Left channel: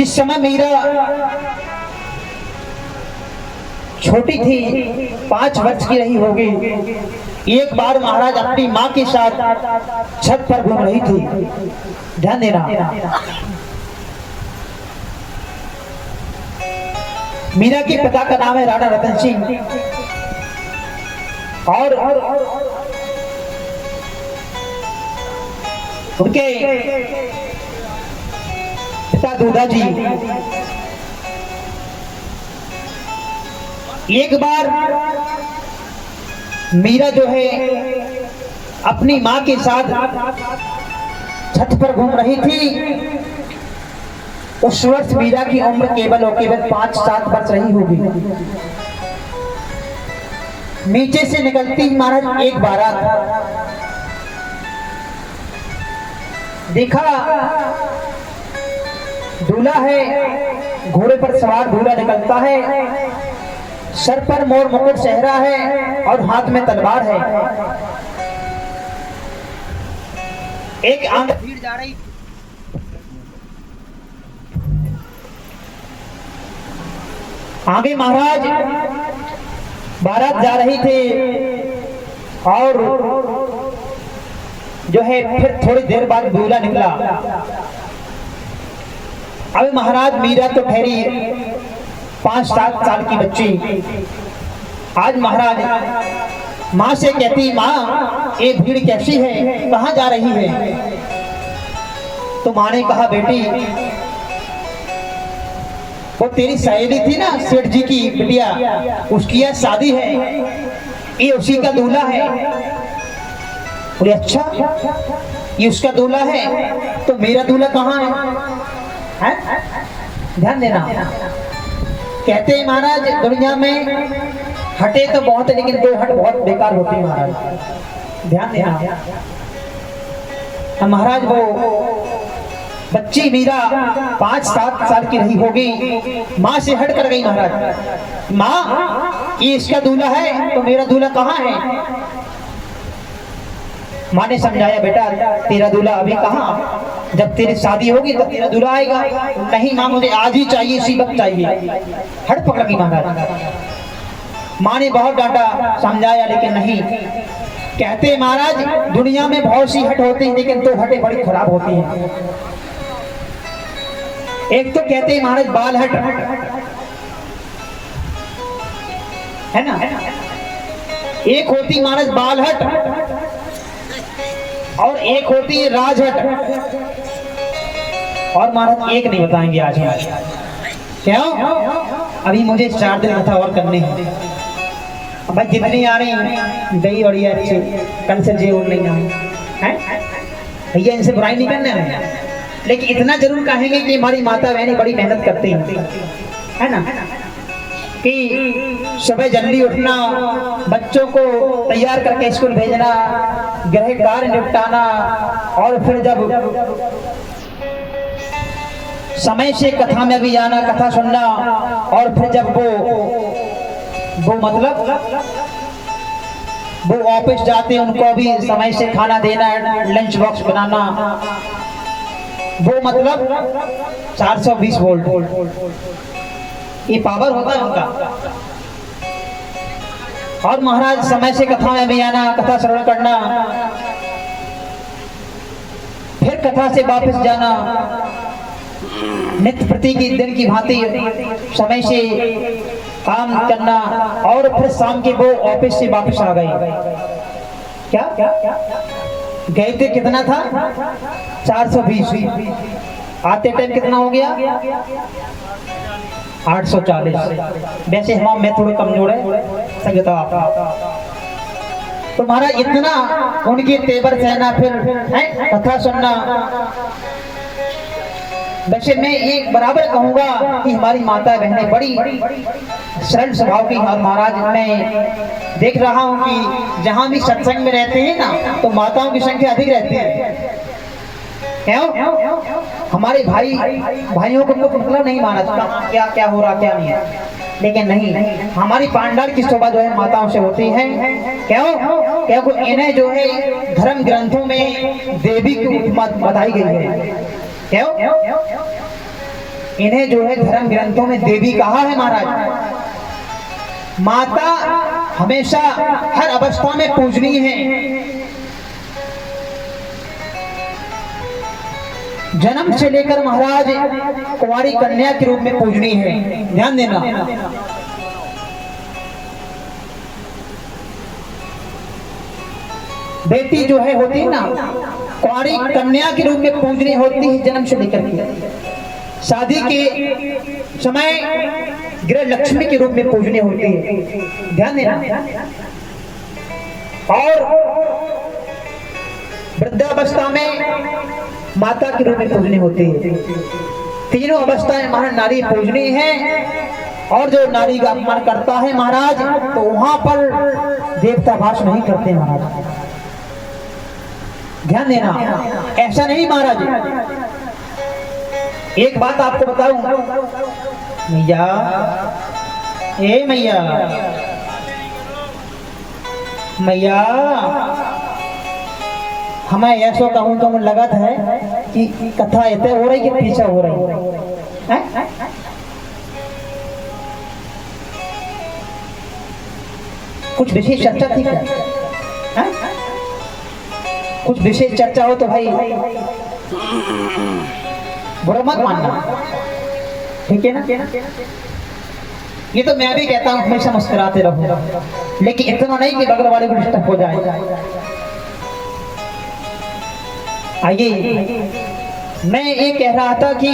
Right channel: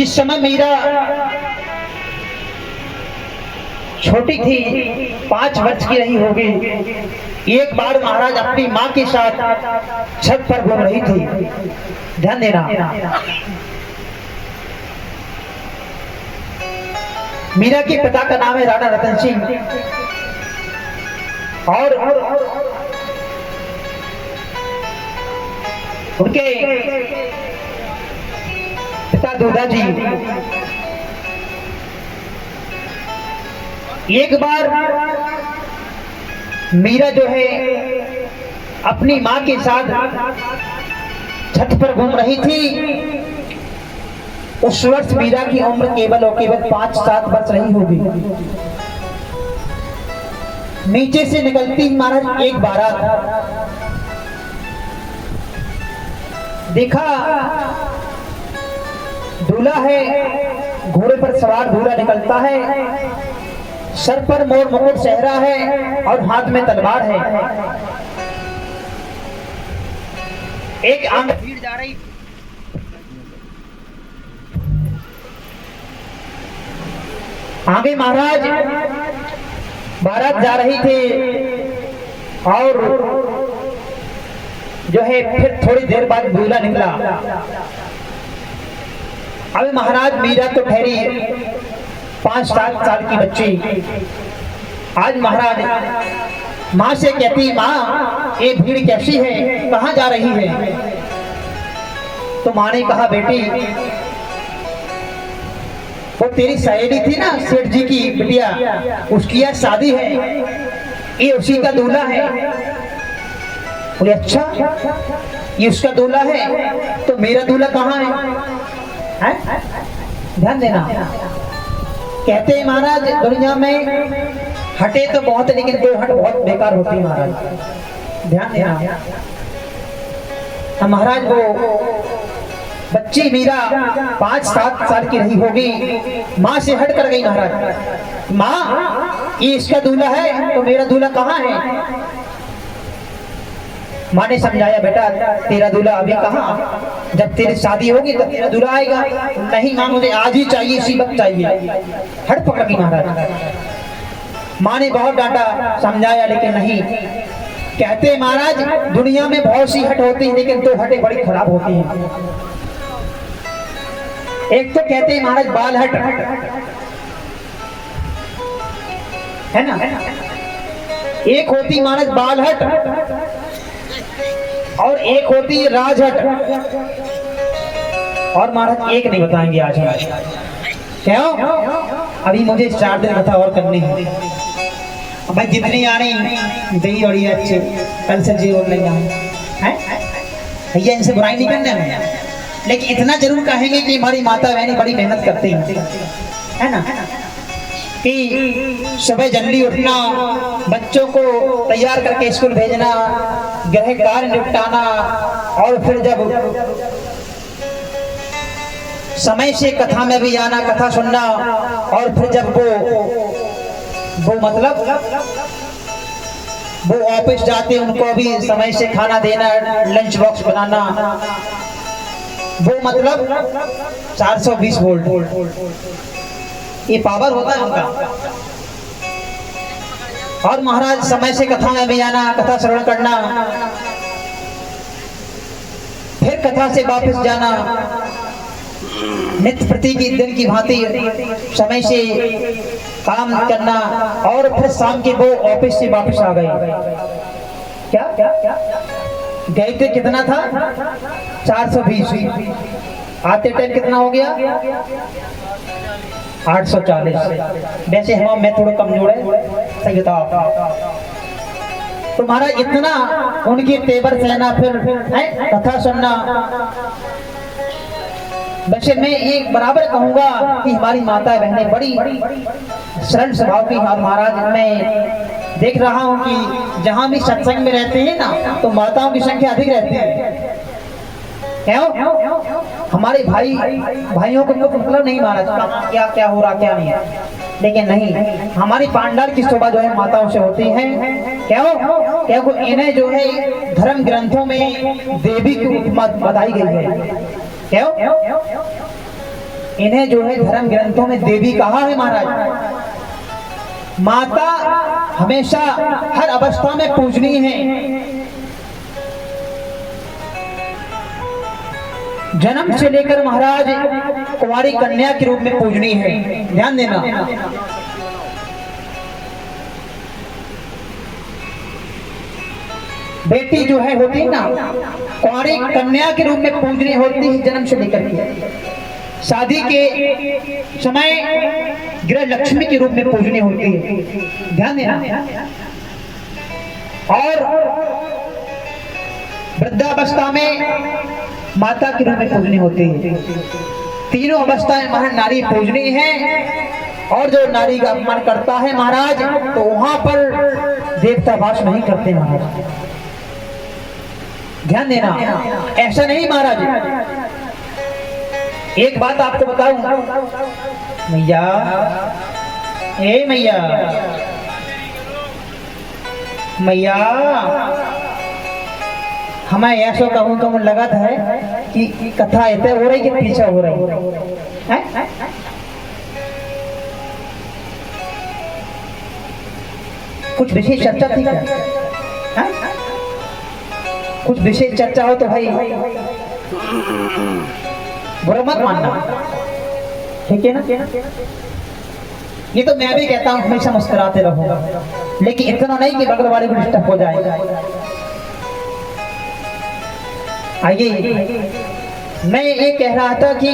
जिस समय मीरा छोटी थी, 5 वर्ष की रही होगी, एक बार महाराज अपनी माँ के साथ छत पर घूम रही थी। ध्यान देना, मीरा के पिता का नाम है राणा रतन सिंह और उनके पिता दूधा जी। एक बार मीरा जो है अपनी माँ के साथ छत पर घूम रही थी। उस वर्ष मीरा की उम्र केवल और केवल 5-7 वर्ष रही होगी। नीचे से निकलती महाराज एक बारात देखा, दूल्हा है, घोड़े पर सवार दूल्हा निकलता है, सर पर मोर मुकुट सेहरा है और हाथ में तलवार है। एक आंग भीड़ जा रही, आगे महाराज बारात जा रही थी और जो है फिर थोड़ी देर बाद दूल्हा निकला। अब महाराज मीरा तो ठहरी 5-7 साल की बच्ची। आज महाराज माँ से कहती, माँ ये भीड़ कैसी है, कहाँ जा रही है? तो माँ ने कहा, बेटी वो तेरी सहेली थी ना सेठ जी की बिटिया, उसकी आज शादी है, ये उसी का दूल्हा है। बोले अच्छा, ये उसका दूल्हा है, तो मेरा दूल्हा कहाँ है? ध्यान देना, कहते हैं महाराज दुनिया में हटे तो बहुत है, लेकिन 2 हट बहुत बेकार होती है महाराज। ध्यान देना, महाराज वो बच्ची मीरा 5-7 साल की रही होगी, माँ से हट कर गई। महाराज, माँ ये इसका दूल्हा है, तो मेरा दूल्हा कहाँ है? माँ ने समझाया, बेटा तेरा दूल्हा अभी कहाँ, जब तेरी शादी होगी तब तेरा दूल्हा आएगा। नहीं माँ, मुझे आज ही चाहिए, इसी वक्त चाहिए। हट पकड़ गई महाराज। माँ ने बहुत डांटा, समझाया, लेकिन नहीं। कहते महाराज दुनिया में बहुत सी हट होती है, लेकिन 2 हटें बड़ी खराब होती हैं। एक तो कहते हैं महाराज बाल हट, है ना, एक होती महाराज बाल हट और एक होती राजहट। और महाराज एक नहीं बताएंगे आज हम, क्यों? अभी मुझे 4 दिन कथा और करने हैं। भाई जितनी आ रही दही बड़ी है अच्छी, कल से जी बोल लेंगे हम, हैं भैया, इनसे बुराई नहीं करना है, लेकिन इतना जरूर कहेंगे कि हमारी माता बहनें बड़ी मेहनत करती हैं, है ना, कि सुबह जल्दी उठना, बच्चों को तैयार करके स्कूल भेजना, गृह कार्य निपटाना, और फिर जब समय से कथा में भी आना, कथा सुनना, और फिर जब वो मतलब वो ऑफिस जाते उनको भी समय से खाना देना, लंच बॉक्स बनाना, वो मतलब 420 वोल्ट ये पावर होता है उनका। और महाराज समय से कथा में भी आना, कथा श्रवण करना, फिर कथा से वापस जाना, नित्य प्रति की दिन की भांति समय से काम करना, और फिर शाम के वो ऑफिस से वापस आ गए। क्या गए थे, कितना था? 420। आते टाइम कितना हो गया? 840। वैसे हम मैं थोड़ा कमजोर है, सही बताओ आप। तो महाराज इतना उनके तेवर सहना, फिर है कथा सुनना। वैसे मैं ये बराबर कहूंगा कि हमारी माता बहनें बड़ी सरल स्वभाव की। और महाराज मैं देख रहा हूँ कि जहाँ भी सत्संग में रहते हैं ना, तो माताओं की संख्या अधिक रहती है। क्यों? हमारे भाइयों को मतलब नहीं महाराज क्या क्या हो रहा क्या नहीं है, लेकिन नहीं, हमारी पांडाल की शोभा जो है माताओं से होती है। क्यों? क्योंकि इन्हें जो है धर्म ग्रंथों में देवी की उपमा बताई गई है। क्यों? इन्हें जो है धर्म ग्रंथों में देवी कहा है महाराज। माता हमेशा हर अवस्था में पूजनीय है। जन्म से लेकर महाराज कुंवारी कन्या के रूप में पूजनीय है, ध्यान देना। बेटी जो है होती है ना, कुंवारी कन्या के रूप में पूजनीय होती है जन्म से लेकर के। शादी के समय गृह लक्ष्मी के रूप में पूजनीय होती है, ध्यान देना। और वृद्धावस्था में माता के रूप में पूजनीय होती है। तीनों अवस्थाएं महाराज नारी पूजनीय है। और जो नारी का अपमान करता है महाराज, तो वहां पर देवता वास नहीं करते महाराज, ध्यान देना। ऐसा नहीं महाराज। एक बात आपको बताऊं मैया, ए मैया, मैया, हमें ऐसा कहूँ तो लगा था कि कथा ऐसे हो रही कि पीछे हो रही है। कुछ विशेष चर्चा थी क्या? कुछ विशेष चर्चा हो तो भाई बुरा मत मानना, ठीक है ना। ये तो मैं भी कहता हूँ हमेशा मुस्कुराते रहो, लेकिन इतना नहीं कि बगल वाले को डिस्टर्ब हो जाए। आइए, मैं ये कह रहा था कि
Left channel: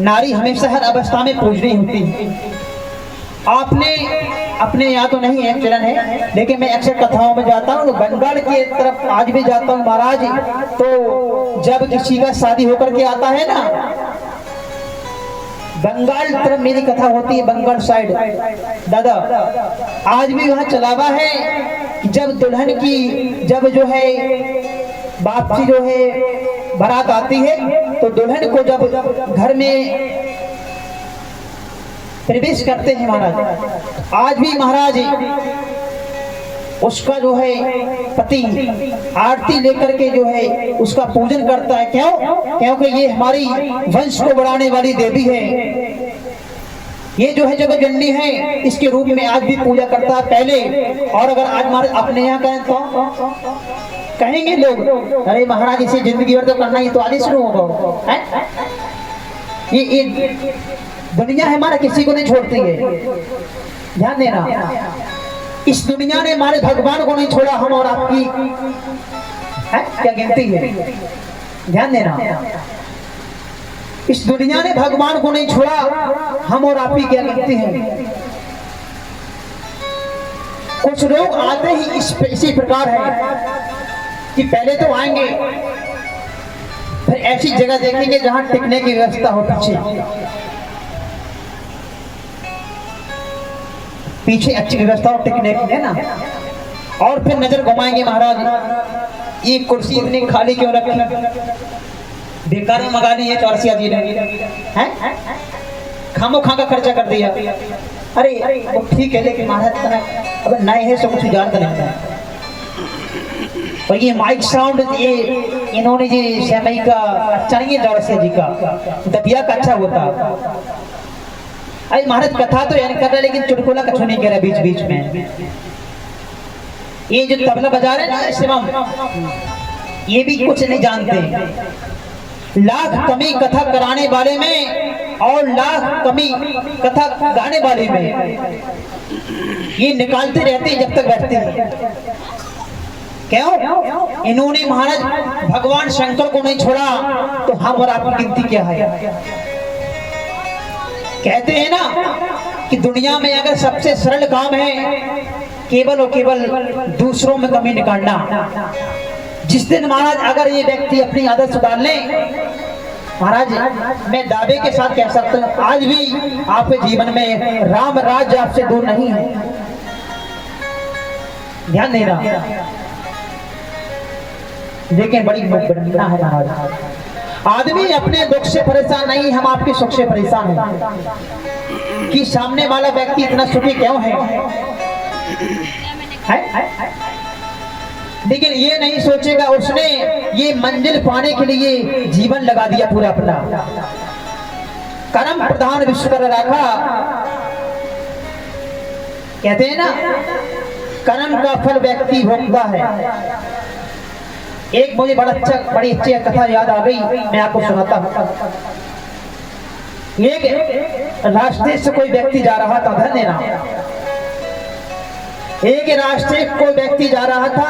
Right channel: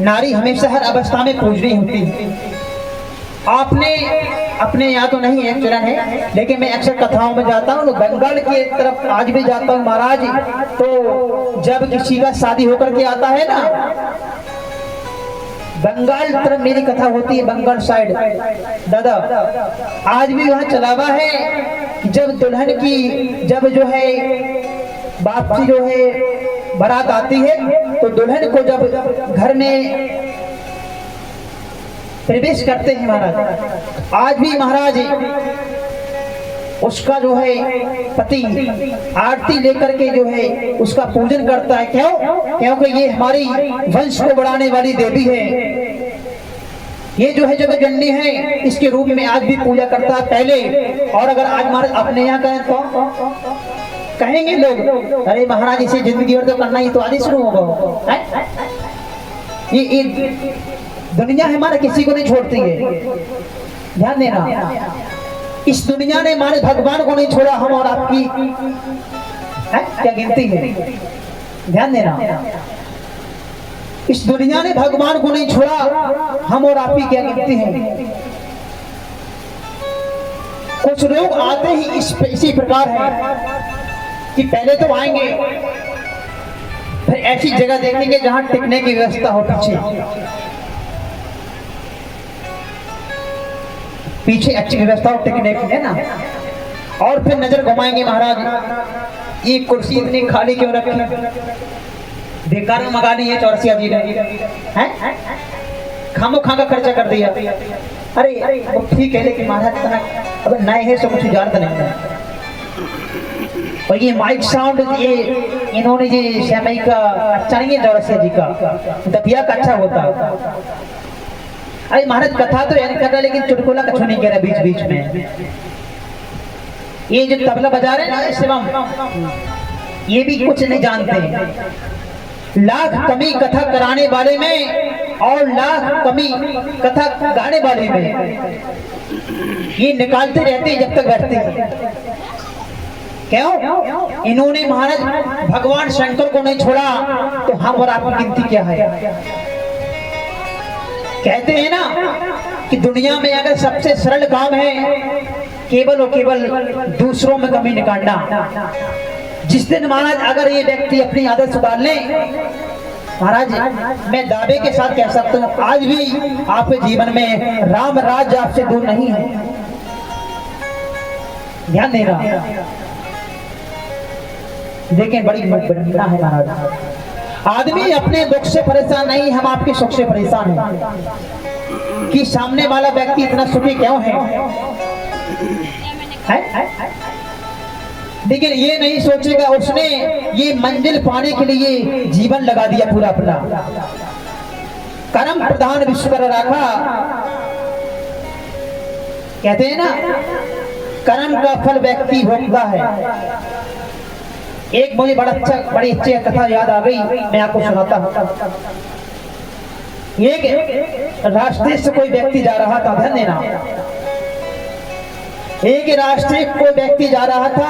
नारी हमेशा हर अवस्था में पूजनीय होती है। आपने अपने यहाँ तो नहीं है चरण है, लेकिन मैं अक्सर कथाओं में जाता हूँ, तो बंगाल की तरफ आज भी जाता हूँ महाराज। तो जब किसी का शादी होकर के आता है ना, बंगाल तरफ मेरी कथा होती है, बंगाल साइड दादा, आज भी वहाँ चला हुआ है। जब दुल्हन की जब जो है वापसी जो है बारात आती है, तो दुल्हन को जब घर में प्रवेश करते हैं महाराज, आज भी महाराज उसका जो है पति आरती लेकर के जो है उसका पूजन करता है। क्यों? क्योंकि ये हमारी वंश को बढ़ाने वाली देवी है। ये जो है जगतजननी है, इसके रूप में आज भी पूजा करता है पहले। और अगर आज महाराज अपने यहाँ कहें तो कहेंगे लोग, अरे महाराज इसे जिंदगी भर तो करना ही तो आज ही शुरू होगा। ये दुनिया है हमारा, किसी को नहीं छोड़ती है, ध्यान देना। इस दुनिया ने हमारे भगवान को नहीं छोड़ा, हम और आपकी है क्या गिनती है, ध्यान देना। इस दुनिया ने भगवान को नहीं छोड़ा, हम और आपकी क्या गिनती है। कुछ लोग आते ही इसी प्रकार है कि पहले तो आएंगे, फिर ऐसी जगह देखेंगे जहां टिकने की व्यवस्था हो, पीछे अच्छी व्यवस्था हो टिकने की, है ना। और फिर नजर घुमाएंगे महाराज, ये कुर्सी इतनी खाली क्यों रखी, बेकार में मंगा ली है चौरसिया जी ने, हैं खामो खा का खर्चा कर दिया। अरे वो ठीक है, लेकिन महाराज अगर नए है तो कुछ जानता नहीं। और ये माइक साउंड ये इन्होंने ये श्यामई का अच्छा नहीं है, चौरसिया जी का दतिया का अच्छा होता। अरे महाराज कथा तो यानी कर रहा है, लेकिन चुटकुला कछु नहीं कह रहा बीच बीच में। ये जो तबला बजा रहे हैं ना शिवम, ये भी कुछ नहीं जानते। लाख कमी कथा कराने वाले में और लाख कमी कथा गाने वाले में, ये निकालते रहते जब तक बैठते हैं। क्यों? इन्होंने महाराज भगवान शंकर को नहीं छोड़ा, तो हम और आपकी गिनती क्या है। कहते हैं ना कि दुनिया में अगर सबसे सरल काम है केवल और केवल दूसरों में कमी निकालना। जिस दिन महाराज अगर ये व्यक्ति अपनी आदत सुधार ले, महाराज मैं दावे के साथ कह सकता हूँ आज भी आपके जीवन में राम राज्य आपसे दूर नहीं है, ध्यान देना। लेकिन बड़ी घटना है महाराज, आदमी अपने दुख से परेशान नहीं, हम आपके सुख से परेशान हैं कि सामने वाला व्यक्ति इतना सुखी क्यों है? लेकिन ये नहीं सोचेगा उसने ये मंजिल पाने के लिए जीवन लगा दिया पूरा अपना। कर्म प्रधान विश्व कर राखा। कहते हैं ना, कर्म का फल व्यक्ति भोगता है। एक मुझे बड़ी अच्छी कथा याद आ गई, मैं आपको सुनाता हूँ। एक रास्ते से कोई व्यक्ति जा रहा था, ध्यान देना। एक रास्ते कोई व्यक्ति जा रहा था,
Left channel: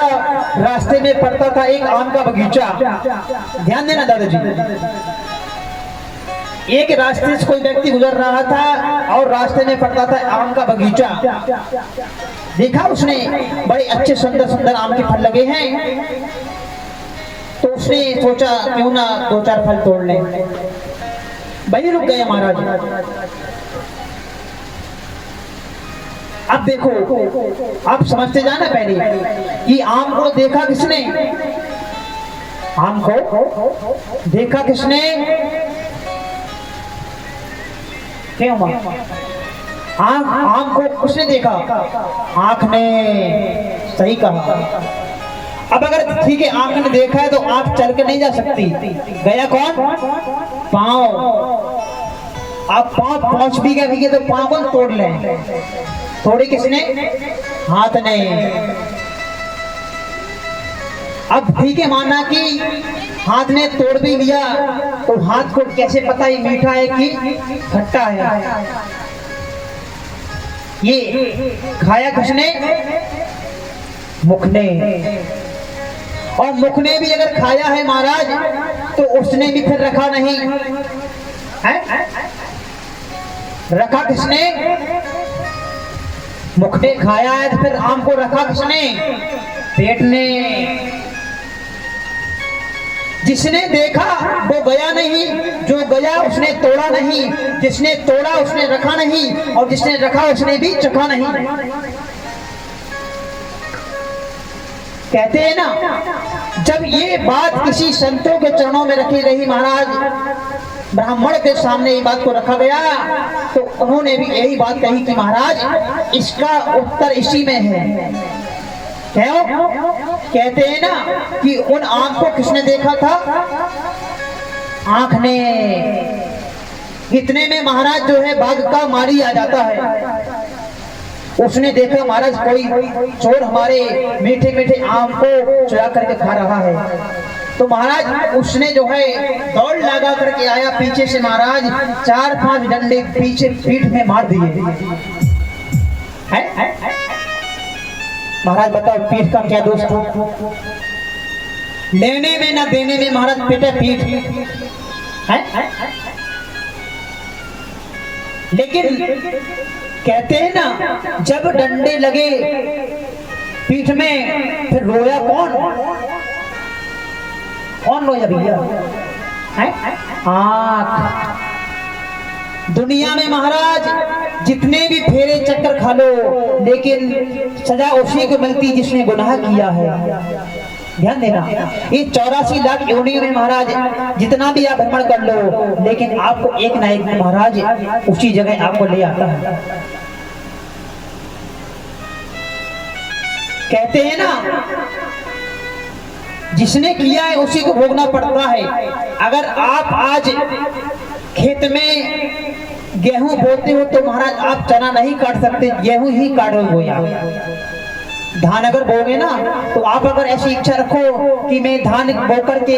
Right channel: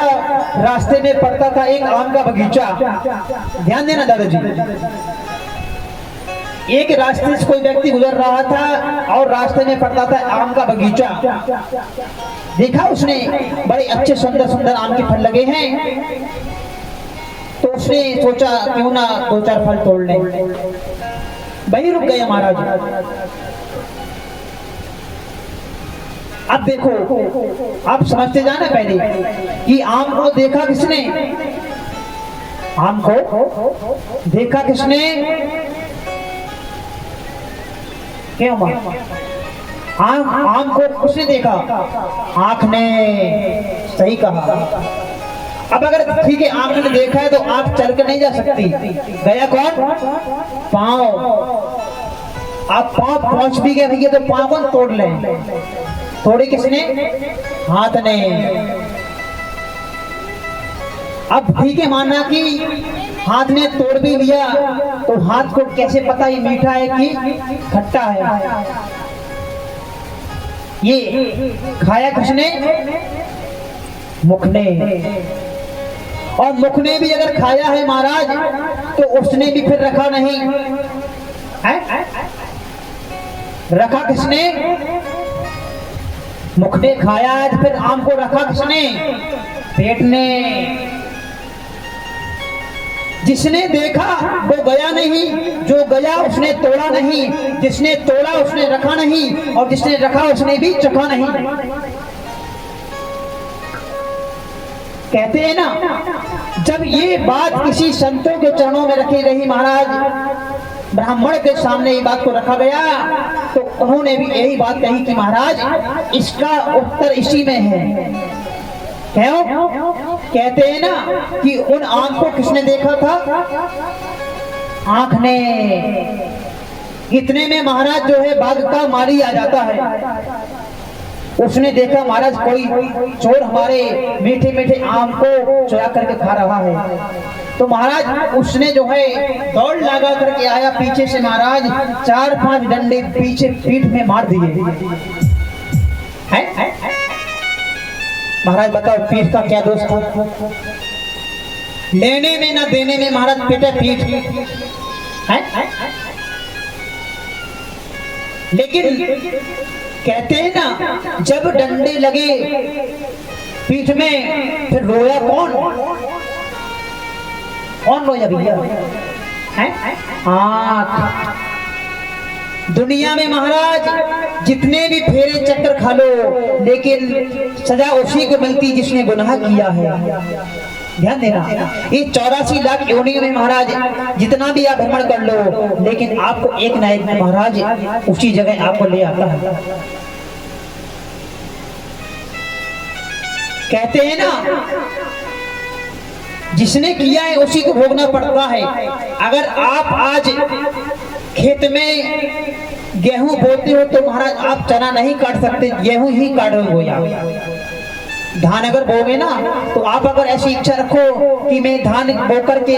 रास्ते में पड़ता था एक आम का बगीचा। ध्यान देना दादाजी। एक रास्ते से कोई व्यक्ति गुजर रहा था और रास्ते में पड़ता था आम का बगीचा। देखा उसने बड़े अच्छे सुंदर सुंदर आम के फल लगे हैं, तो उसने सोचा क्यों ना दो चार फल तोड़ ले। वही रुक गए महाराज। अब देखो, आप समझते जाना पहले कि आम को देखा किसने? आम को देखा किसने? क्या हुआ? आम को किसने देखा? आंख ने। सही कहा। अब अगर ठीक है आंख ने देखा है तो आंख चल के नहीं जा सकती, गया कौन? पांव। आप पांव पहुंच भी गए भैया तो पांव कौन तोड़ ले? तोड़े किसने? हाथ ने। अब ठीक है माना कि हाथ ने तोड़ भी लिया, तो हाथ को कैसे पता ये मीठा है कि खट्टा है? ये खाया किसने? मुख ने। और मुख ने भी अगर खाया है महाराज, तो उसने भी फिर रखा नहीं है। रखा किसने? मुख ने खाया है, तो फिर आम को रखा किसने? पेट ने। जिसने देखा वो गया नहीं, जो गया उसने तोड़ा नहीं, जिसने तोड़ा उसने रखा नहीं, और जिसने रखा उसने भी चखा नहीं। कहते हैं ना, जब ये बात किसी संतों के चरणों में रखी रही महाराज, ब्राह्मण के सामने ये बात को रखा गया, तो उन्होंने भी यही बात कही कि महाराज इसका उत्तर इसी में है। क्यों? कहते हैं ना कि उन आंख को किसने देखा था? आंख ने। इतने में महाराज जो है बाघ का मारी आ जाता है। उसने देखा महाराज कोई चोर हमारे मीठे मीठे आम को चुरा करके खा रहा है। तो महाराज उसने जो है दौड़ लगा करके आया पीछे से, महाराज 4-5 डंडे पीछे पीठ में मार दिए। महाराज बताओ पीठ का क्या दोष हो? लेने में ना देने में महाराज पेटे पीठ है। लेकिन कहते हैं ना, जब डंडे लगे पीठ में, फिर रोया कौन? कौन रोया भैया? आंख। दुनिया में महाराज जितने भी फेरे चक्कर खा लो, लेकिन सजा उसी को मिलती जिसने गुनाह किया है। ध्यान देना, ये 84 लाख योनि में महाराज जितना भी आप भ्रमण कर लो, लेकिन आपको एक ना एक महाराज उसी जगह आपको ले आता है। कहते हैं ना, जिसने किया है उसी को भोगना पड़ता है। अगर आप आज खेत में गेहूं बोते हो तो महाराज आप चना नहीं काट सकते, गेहूं ही काटोगे आप। धान अगर बोगे ना, तो आप अगर ऐसी इच्छा रखो कि मैं धान बो करके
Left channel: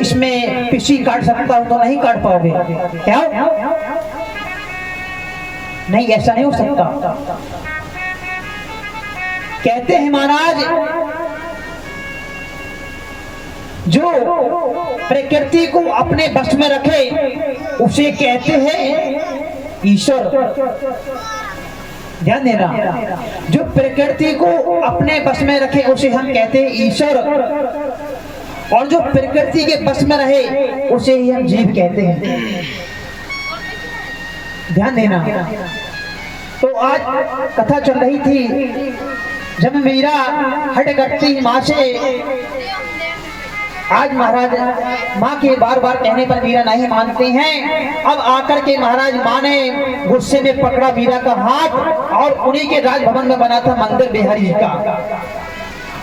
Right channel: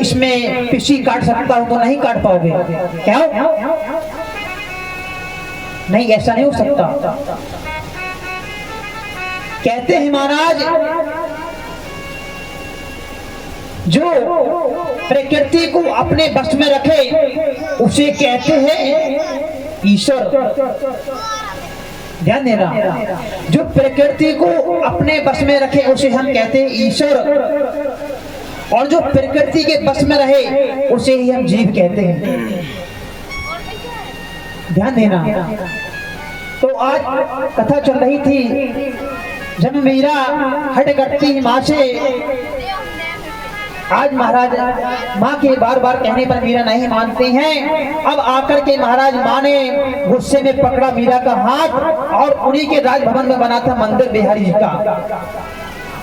इसमें पिसी काट सकता हूं, तो नहीं काट पाओगे। क्या? नहीं, ऐसा नहीं हो सकता। कहते हैं महाराज, जो प्रकृति को अपने बस में रखे उसे कहते हैं ईश्वर। ध्यान देना, जो प्रकृति को अपने बस में रखे उसे हम कहते हैं ईश्वर, और जो प्रकृति के बस में रहे उसे ही हम जीव कहते हैं। ध्यान देना। तो आज कथा चल रही थी, जब मीरा हट करती माँ से। आज महाराज माँ के बार बार कहने पर मीरा नहीं मानती हैं। अब आकर के महाराज माँ ने गुस्से में पकड़ा मीरा का हाथ, और उन्हीं के राजभवन में बना था मंदिर बिहारी जी का,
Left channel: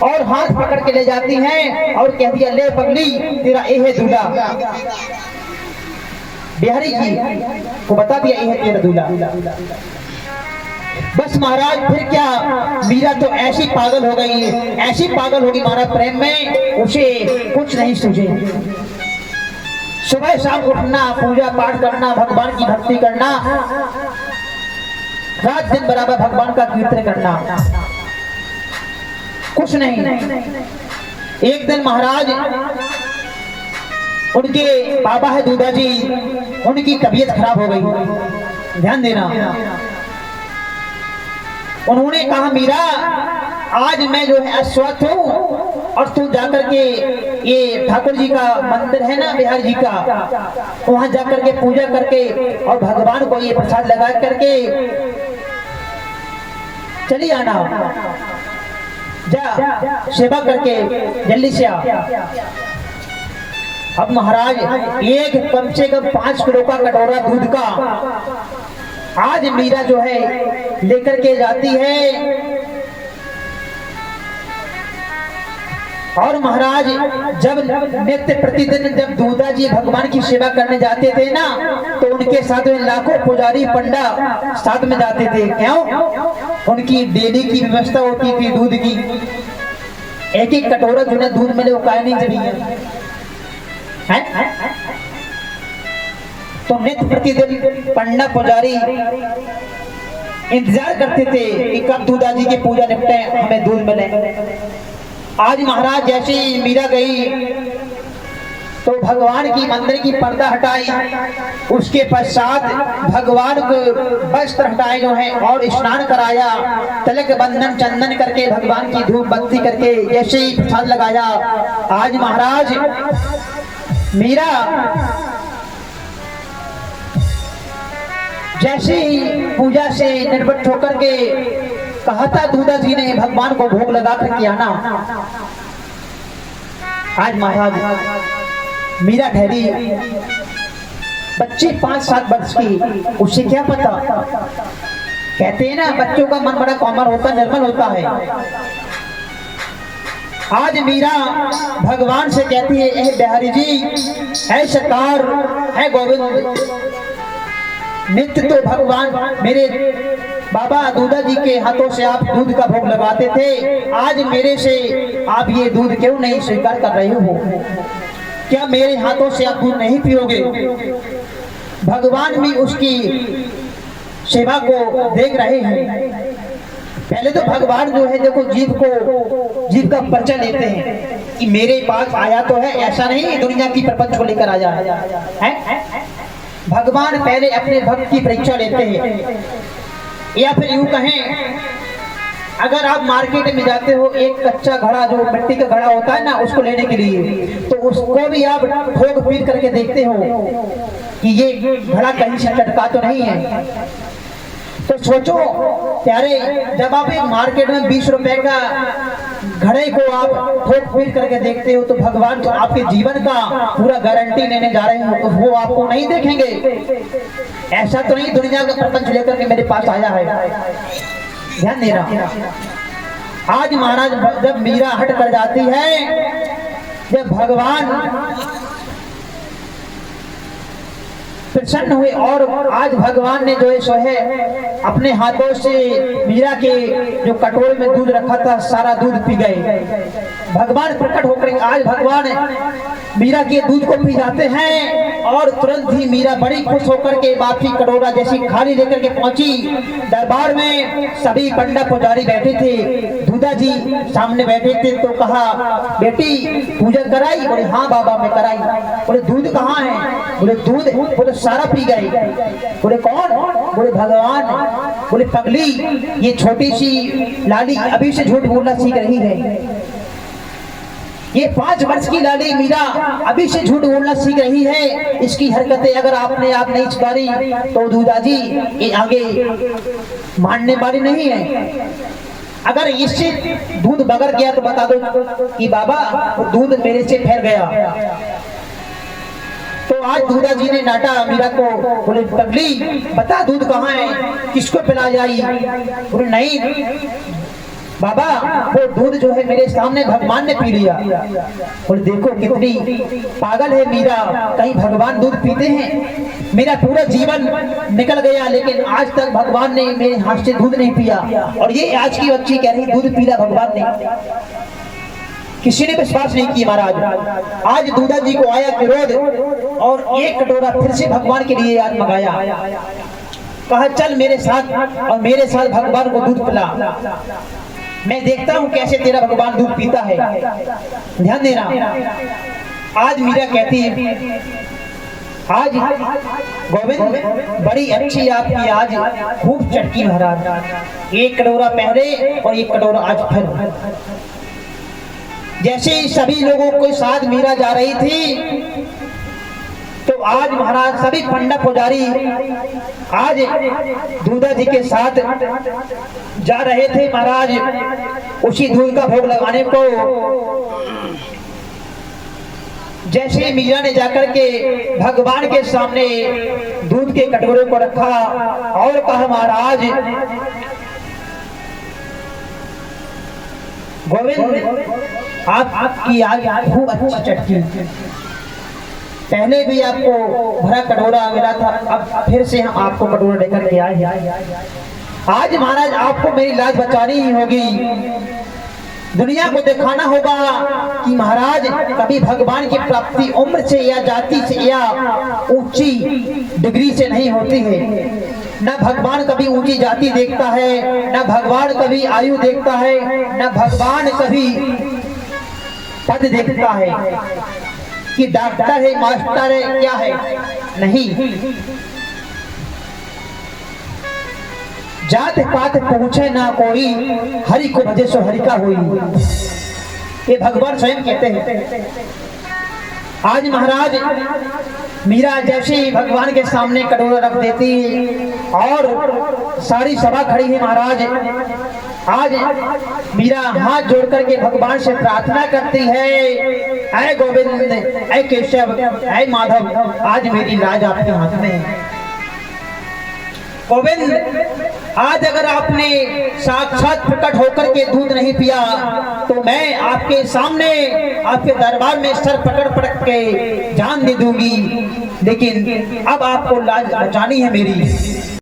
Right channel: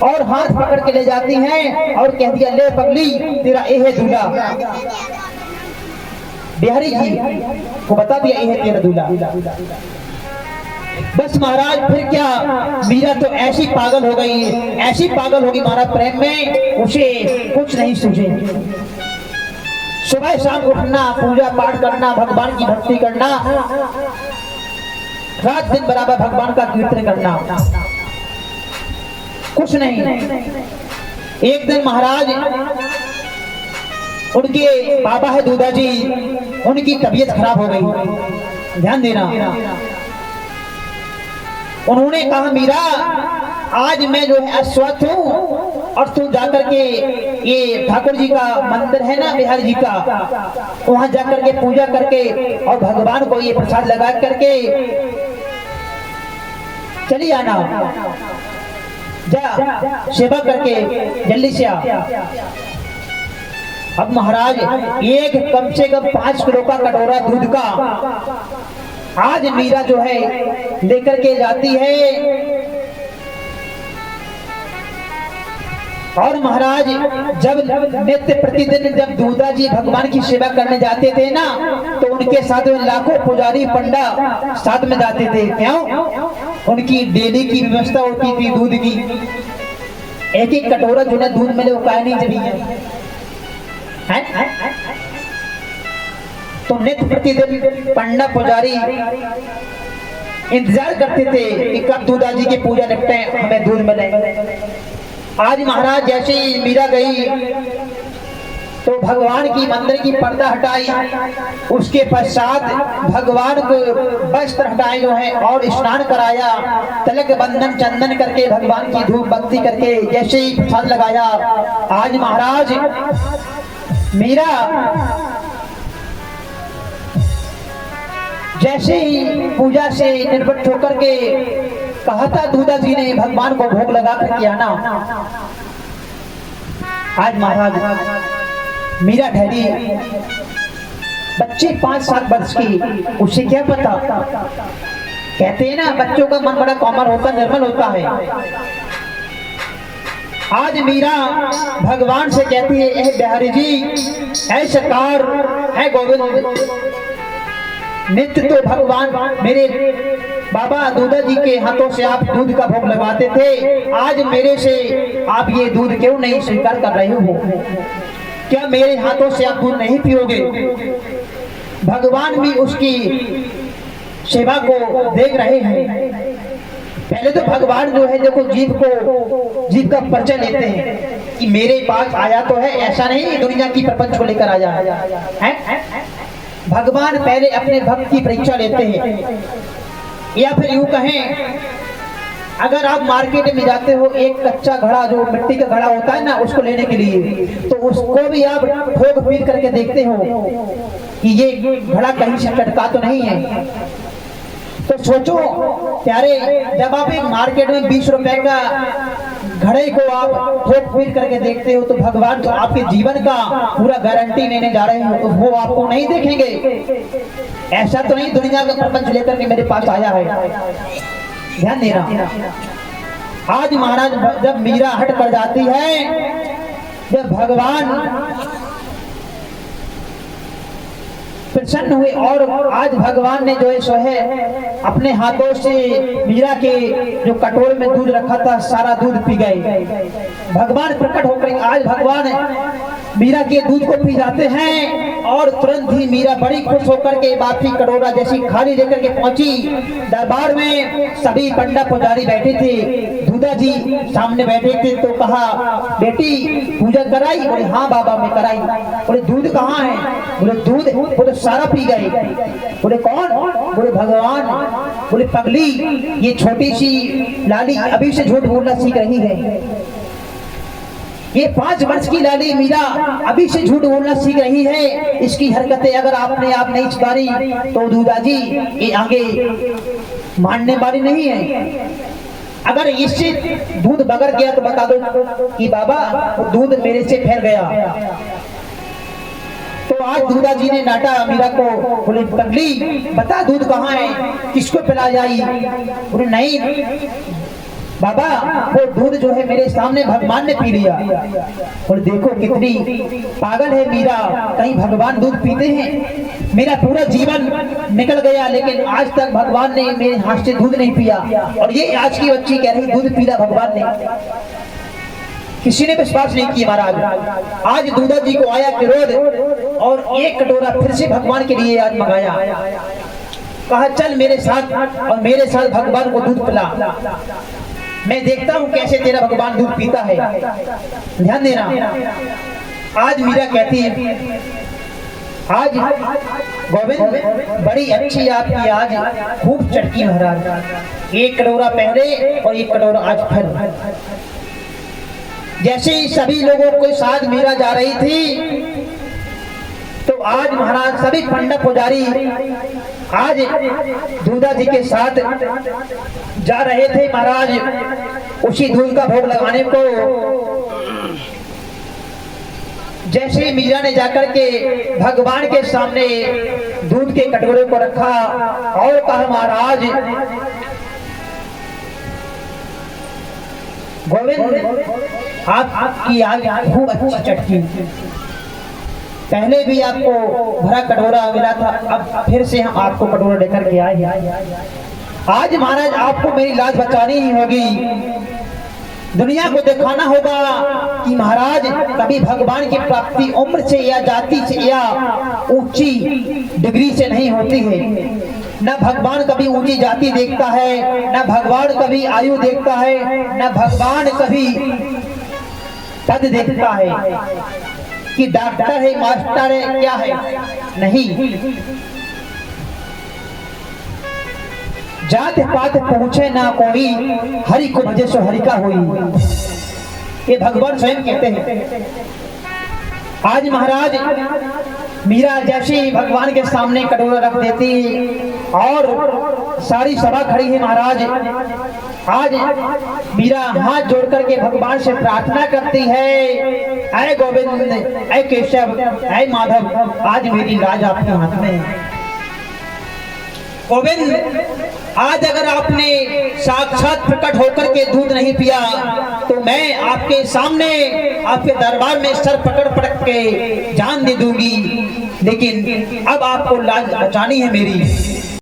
और हाथ पकड़ के ले जाती हैं और कह दिया, ले पगली तेरा ये है दूल्हा। बिहारी जी को बता दिया ये है तेरा दूल्हा। बस महाराज फिर क्या, मीरा तो ऐसी पागल हो गई, ऐसी पागल होगी महाराज प्रेम में, उसे कुछ नहीं सूझे। सुबह शाम उठना, पूजा पाठ करना, भगवान की भक्ति करना, रात दिन बराबर भगवान का कीर्तन करना, कुछ नहीं। एक दिन महाराज, उनके बाबा है दूधा जी, उनकी तबीयत खराब हो गई, ध्यान देना। उन्होंने कहा मीरा आज मैं जो है अस्वस्थ हूँ, और तू जाकर के ये ठाकुर जी का मंदिर है ना बिहारी जी का, वहां जाकर के पूजा करके और भगवान को ये प्रसाद लगा करके चली आना, जा सेवा करके जल्दी से आ। अब महाराज एक कम से कम 5 किलो का कटोरा दूध का आज मीरा जो है लेकर के जाती है। और महाराज जब नित्य प्रतिदिन जब दूधा जी भगवान की सेवा करने जाते थे ना, तो उनके साथ में लाखों पुजारी पंडा साथ में जाते थे। क्यों? उनकी डेली की व्यवस्था होती थी दूध की, एक एक कटोरा जो है दूध मिले वो काय नहीं चाहिए है? तो नित्य प्रतिदिन पंडा पुजारी इंतजार करते थे कि कब दूधा जी की पूजा निपटे, हमें दूध मिले। आज महाराज जैसे ही मीरा गई तो भगवान की मंदिर की पर्दा हटाई, उसके पश्चात भगवान को वस्त्र हटाए जो है और स्नान कराया, तिलक बंधन चंदन करके भगवान की धूप बत्ती करके जैसे ही प्रसाद लगाया। आज महाराज मीरा जैसे ही पूजा से निर्वृत्त होकर के कहा था दूधा जी ने भगवान को भोग लगा करके आना। आज महाराज मीरा ठहरी, बच्ची 5-7 वर्ष की, उसे क्या पता, कहते हैं ना बच्चों का मन बड़ा कोमल होता, निर्मल होता है। आज मीरा भगवान से कहती है, ए बिहारी जी, है सरकार, है गोविंद, नित्य तो भगवान मेरे बाबा दूधा जी के हाथों से आप दूध का भोग लगाते थे, आज मेरे से आप ये दूध क्यों नहीं स्वीकार कर रहे हो? क्या मेरे हाथों से आप दूध नहीं पियोगे? भगवान भी उसकी सेवा को देख रहे हैं। पहले तो भगवान जो है देखो जीव का परिचय लेते हैं कि मेरे पास आया तो है, ऐसा नहीं दुनिया की प्रपंच को लेकर आया है। भगवान पहले अपने भक्त की परीक्षा लेते हैं। या फिर यूं कहें, अगर आप मार्केट में जाते हो, एक कच्चा घड़ा जो मिट्टी का घड़ा होता है ना, उसको लेने के लिए, तो उसको भी आप ठोक पीट करके देखते हो कि ये घड़ा कहीं से चटका तो नहीं है। तो सोचो प्यारे, जब आप एक मार्केट में 20 रुपए का घड़े को आप ठोक पीट करके देखते हो, तो भगवान तो आपके जीवन का पूरा गारंटी लेने जा रहे हो, तो वो आपको नहीं देखेंगे। ऐसा तो नहीं दुनिया का प्रपंच लेकर के मेरे पास आया है, ध्यान देना। आज महाराज जब मीरा हट कर जाती है, जब भगवान प्रसन्न हुए और आज भगवान ने जो है सो है अपने हाथों से मीरा के जो कटोरे में दूध रखा था सारा दूध पी गए। भगवान प्रकट होकर आज भगवान मीरा के दूध को पी जाते हैं और तुरंत ही मीरा बड़ी खुश होकर के बाकी कटोरा जैसी खाली लेकर के पहुंची। दरबार में सभी पंडा पुजारी बैठे थे, दूधा जी सामने बैठे थे, तो कहा बेटी पूजा कराई? बोले हाँ बाबा मैं कराई। बोले दूध कहाँ है? बोले दूध बोले सारा पी गए। बोले कौन? बोले भगवान। बोले पगली, ये छोटी सी लाली अभी से झूठ बोलना सीख रही है। ये 5 वर्ष की लाली मीरा अभी से झूठ बोलना सीख रही है। इसकी हरकतें अगर आपने आप नहीं सुधारी तो दूधा जी ये आगे मानने वाली नहीं है। अगर इससे दूध बगर गया तो बता दो कि बाबा दूध मेरे से फैल गया। तो आज दूधा जी ने डांटा मीरा को, बोले पगली बता दूध कहाँ है, किसको पिला जाई? बोले नहीं बाबा, वो दूध जो है मेरे सामने भगवान ने पी लिया। बोले देखो कितनी पागल है मीरा, कहीं भगवान दूध पीते हैं? मेरा पूरा जीवन निकल गया, लेकिन आज तक भगवान ने मेरे हाथ से दूध नहीं पिया। और ये आज की बच्ची कह रही दूध पीला भगवान ने, किसी ने विश्वास नहीं किया महाराज। आज दूधा जी को आया क्रोध और एक कटोरा फिर से भगवान के लिए आज मंगाया। कहा चल मेरे साथ और मेरे साथ भगवान को दूध पिला, मैं देखता हूं कैसे तेरा भगवान दूध पीता है। ध्यान देना, आज मीरा कहती है आज गोविंद बड़ी अच्छी आपकी आज खूब चटकी महाराज, एक कटोरा पहले और एक कटोरा आज फिर। जैसे ही सभी लोगों के साथ मीरा जा रही थी, तो आज महाराज सभी पंडित पुजारी आज दूधा जी के साथ जा रहे थे महाराज उसी दूध का भोग लगाने को। जैसे मीरा ने जाकर के भगवान के सामने दूध के कटोरे को रखा और कहा महाराज गोविंद आपकी आज खूब अच्छी चटकी, पहले भी आपको भरा कटोरा मिला था, अब फिर से हम आपको कटोरा लेकर के आए हैं। आज महाराज आपको मेरी लाज बचानी ही होगी, दुनिया को दिखाना होगा कि महाराज कभी भगवान की प्राप्ति उम्र से या जाति से या ऊंची डिग्री से नहीं होती है। न भगवान कभी ऊंची जाति देखता है, न भगवान कभी आयु देखता है, न भगवान कभी पद देखता है कि डॉक्टर है, मास्टर है, क्या है, नहीं। जात पात पूछे ना कोई, हरि को भजे सो हरि का होई, ये भगवान स्वयं कहते हैं। आज महाराज मीरा जैसे ही भगवान के सामने कटोरा रख देती और सारी सभा खड़ी है महाराज, आज मीरा हाथ जोड़ करके भगवान से प्रार्थना करती है, ऐ गोविंद, ऐ केशव, ऐ माधव, आज मेरी लाज आपके हाथ में है। गोविंद आज अगर आपने साक्षात प्रकट होकर के दूध नहीं पिया तो मैं आपके सामने आपके दरबार में सर पकड़ पकड़ के जान दे दूंगी, लेकिन अब आपको लाज बचानी है मेरी।